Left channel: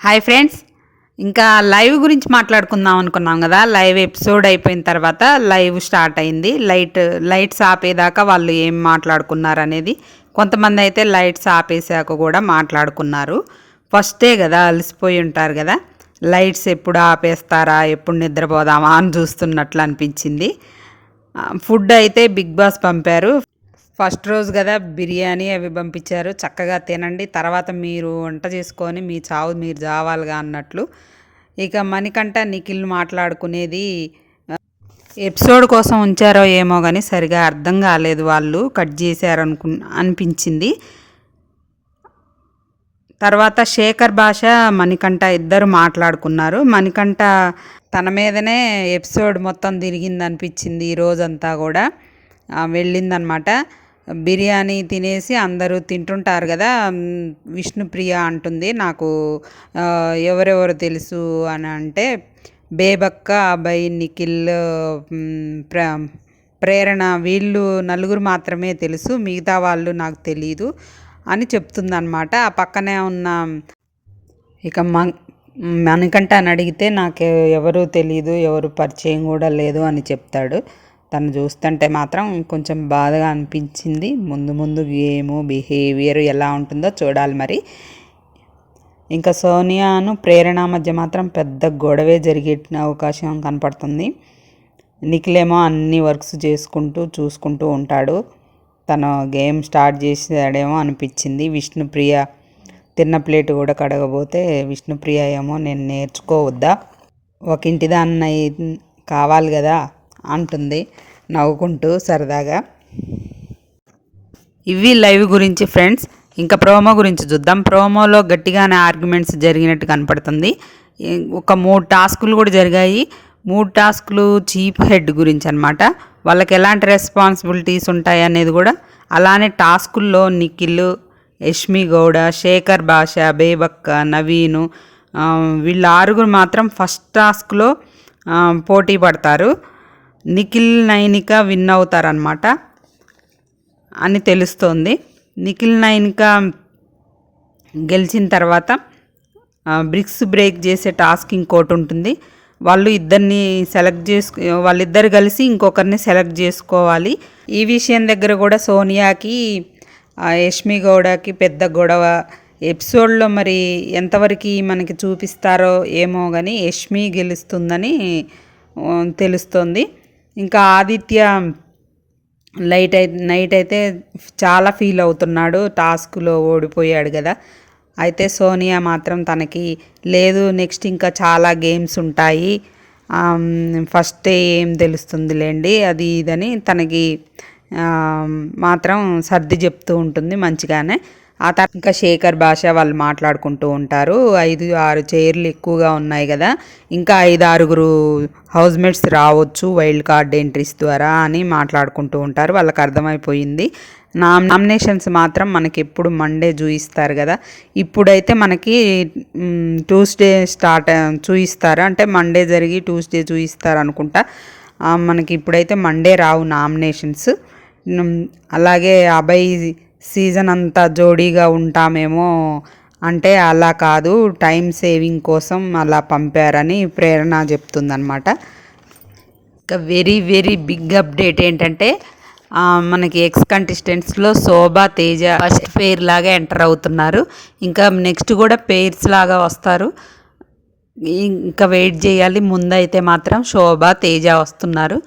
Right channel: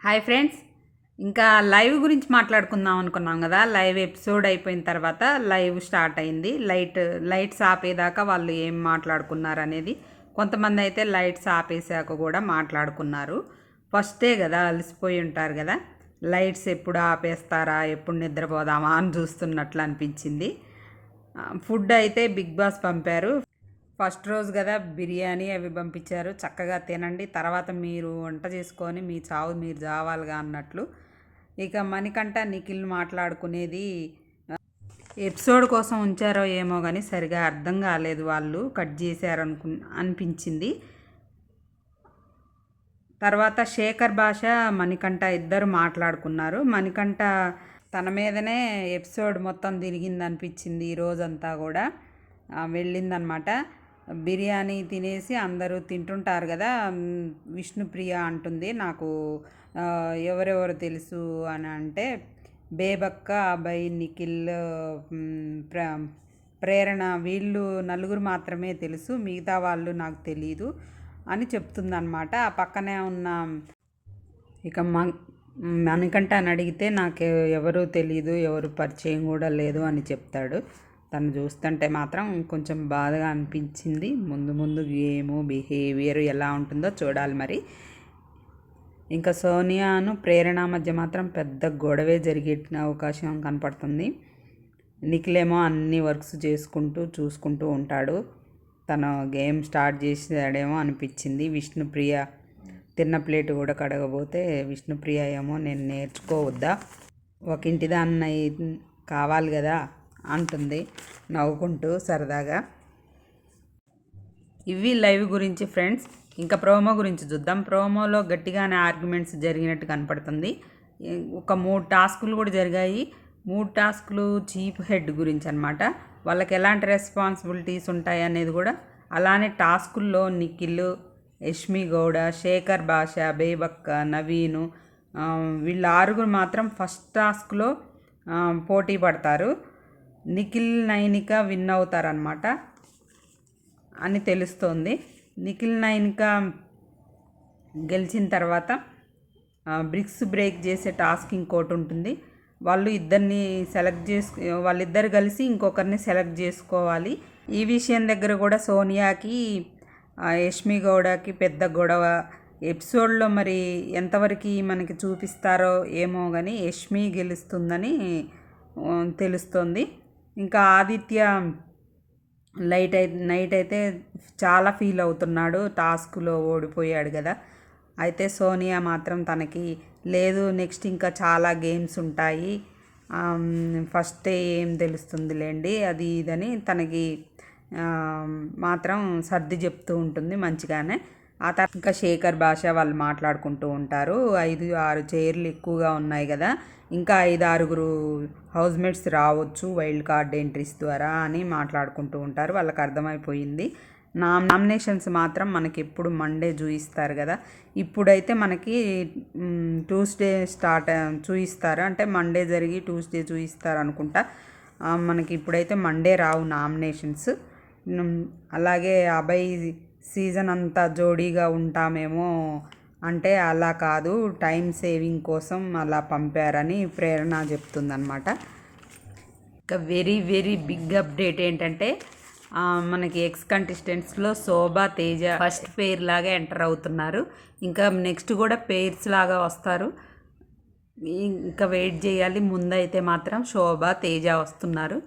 Hi friends. ఇంకా live గురించి మాట్లాడుకుందాం అనుకున్నాం కదా. లైవ్ ఎపిసోడ్ అయిపోయిన తర్వాత లైవ్ స్టార్ట్ అయింది. లైట్ లైట్స్ ఆపేదాకా వాళ్ళు ఏం మాట్లాడుకున్నారు అనేది కొంతమంది అయితే లైట్స్ ఆపేసాక కూడా మాట్లాడుకున్నారు. ఫస్టే కదా అలసిపోయి ఉంటారు కదా. లైట్స్ ఎప్పుడు ఆపేస్తారా ఎప్పుడు నిద్రపోదామా అని చూస్తున్నట్లు అనిపించింది. ఫుడ్ అయితే బిగ్ బాస్ పంపారు. ఫస్ట్ రోజు కదా బిర్యానీ అవి పంపించారు. చక్కగా తినండి. తర్వాత మీరు వంట చేసుకొని మీ చావు మీరు చావాలిగా అన్నట్లు. ఇక మణికంఠ నిఖిల్ మాట్లాడుకునేది ఎపిసోడ్ కోసం ఉంచారో ఏమో కానీ సరిగా అర్థం కాలేదు వాళ్ళు. కట్ చేశారు అనుకు అనిపించింది. తర్వాత శేఖర్ భాష మణికంఠ ఇద్దరు మాట్లాడుకున్నారు. మణికంఠ తన మీదనే ఎపిసోడ్ మొత్తం తిరిగింది అనిపించింది ఈ రోజంతా కూడా. వెళ్ళిందనమాట. బిర్యానీ తినేసి అందరూ తింటుంటారు కదా విష్ణుప్రియ అంటుంది. నాకు ఎవరెవరు తెలుసు అని అంటే బేబక్క అబ్బాయి నిఖిల్ ప్ర ప్రేరణ వీళ్ళు నలుగురు మాత్రమే తెలుసు మిగతా వాళ్ళు నాకు తెలియదు అని చెప్తుందనమాట ఆ పక్కనే ఉన్న ఇక మ మనకంట అని అడిగితే నాకు ఎవరు తెలియదు ఎవరు పరిచయం కూడా లేదు అని చెప్తాడు. తను చూస్తుంటే మాత్రం కొంచెం బాధగా అనిపించింది. ముందు ముందు గేము బిహేవియర్ ఎలా ఉంటుందో చూడాలి మరి. ఇంకా సోనియాను ప్రేరణ మధ్య మాత్రం పెద్ద గొడవే జరిగే అవకాశం కనపడుతుంది. నిఖిలేమో అన్ని వర్క్స్ చేసుకుంటూ చూసుకుంటూ ఉంటాడు. తను గేమ్ స్టార్ట్ చేసాడేమో అనిపించింది. విష్ణుప్రియ తిన్న ప్లేట్ కూడా కడగబోతే విష్ణుప్రియ ఏమో నేను నేర్చుకోవద్దా? ఒక ఇంటి దాన్ని కావాలి కదా? అంటుంది. నవ్వుకుంటూ సరదాగా. ఇవి లైవ్ గురించి ఫ్రెండ్స్. ఇంకా ప్రోమో గురించి చూద్దాం. ప్రోమోలో గట్టిగానే ఆర్గ్యుమెంట్స్ జరిగినట్టు కనపడుతుంది. ఒక మూడు టాస్కులు కూడా జరిగాయి. మూడు టాస్కులు చీప్ హెడ్ గురించి అనమాట వాళ్ళకి ఎలాంటి రెస్పాన్సిబిలిటీస్ ఉంటాయి అనేది కూడా అలానే టాస్కుల్లో నిఖిల్ యష్మి గౌడ శేఖర్ భాష బేబక్క నవీను వీళ్ళ ఆరుగురు మాత్రం ఫస్ట్ టాస్క్లో పోటీ పడతారు. నిఖిల్ నైనిక విన్ అవుతారనమాట అని తెలుస్తోంది. నిఖిల్ నైనిక గెలిచిన తర్వాత బ్రిక్స్ బ్రేక్ చేసే టాస్క్ ఇంకోటి ఉంటుంది. వాళ్ళు ఇద్దరిని సెలెక్ట్ చేసుకు వాళ్ళిద్దరు కలిసి ఇంకొకరిని సెలెక్ట్ చేసుకోవాలి. ఈ విషయం దగ్గర కూడా సోనియాకి యష్మి గౌడకి పెద్ద గొడవ. ఎపిసోడ్లో మరి ఎంతవరకు మనకి చూపిస్తారో ఏమో కానీ యష్మి గెలుస్తుందని తెలుస్తోంది. ఇంకా ఆదిత్య లైట్ అయి నైట్ అయితే చాలా ఫీల్ అవుతున్నాడు. టాస్క్లో ఓడిపోయాడు కదా. అయితే సోనియా మాత్రం తనకి లేదు నెక్స్ట్ ఇంకా చాలా గేమ్స్ ఉంటాయి. ఫస్ట్ ఏం తెలుస్తుందిలేండి అది ఇదని తనకి మాత్రం సర్ది చెప్తూ ఉంటుంది మంచిగానే. ఆ తర్వాత ఇంకా శేఖర్ భాష వాళ్ళు మాట్లాడుకుంటూ ఉంటారు. ఐదు ఆరు చైర్లు ఎక్కువగా ఉన్నాయి కదా. ఇంకా ఐదు ఆరుగురు హౌస్ మేట్స్ రావచ్చు వైల్డ్ కార్డ్ ఎంట్రీస్ ద్వారా అని మాట్లాడుకుంటూ ఉంటారు. వాళ్ళకి అర్థమైపోయింది. నా నామినేషన్స్ మాత్రం మనకి ఎప్పుడు మండే చూయిస్తారు కదా. ఇప్పుడైతే మనకి ట్యూస్డే స్టార్ట్ చూయిస్తారు? అంటే మండే జరిగి ట్యూస్డే చూయిస్తారు అనుకుంటా. మనకి ఇప్పుడైతే మండే రావు నామినేషన్స్. అలాగే అభయ్ సీజన్ అంతా జోడీగా ఉంటామేమో అంటే అలా కాదు టైం సేవింగ్ కోసం అలా పంపారని ప్రేరణ చెప్తుందనమాట ఇంకా వెరీ వెరీ బిగ్ అప్డేట్ ఏంటంటే మనకి ఎక్స్ కంటెస్టెంట్స్లో శోభా తేజ ఫస్ట్ పేర్ లాగా ఎంటర్ అవుతున్నారు. ఇంకా నెక్స్ట్ కూడా పేర్స్ లాగా వస్తారు. ఇంకా వెయిట్ చేయాలి. ముందైతే మాత్రం శోభ తేజ వస్తున్నారు.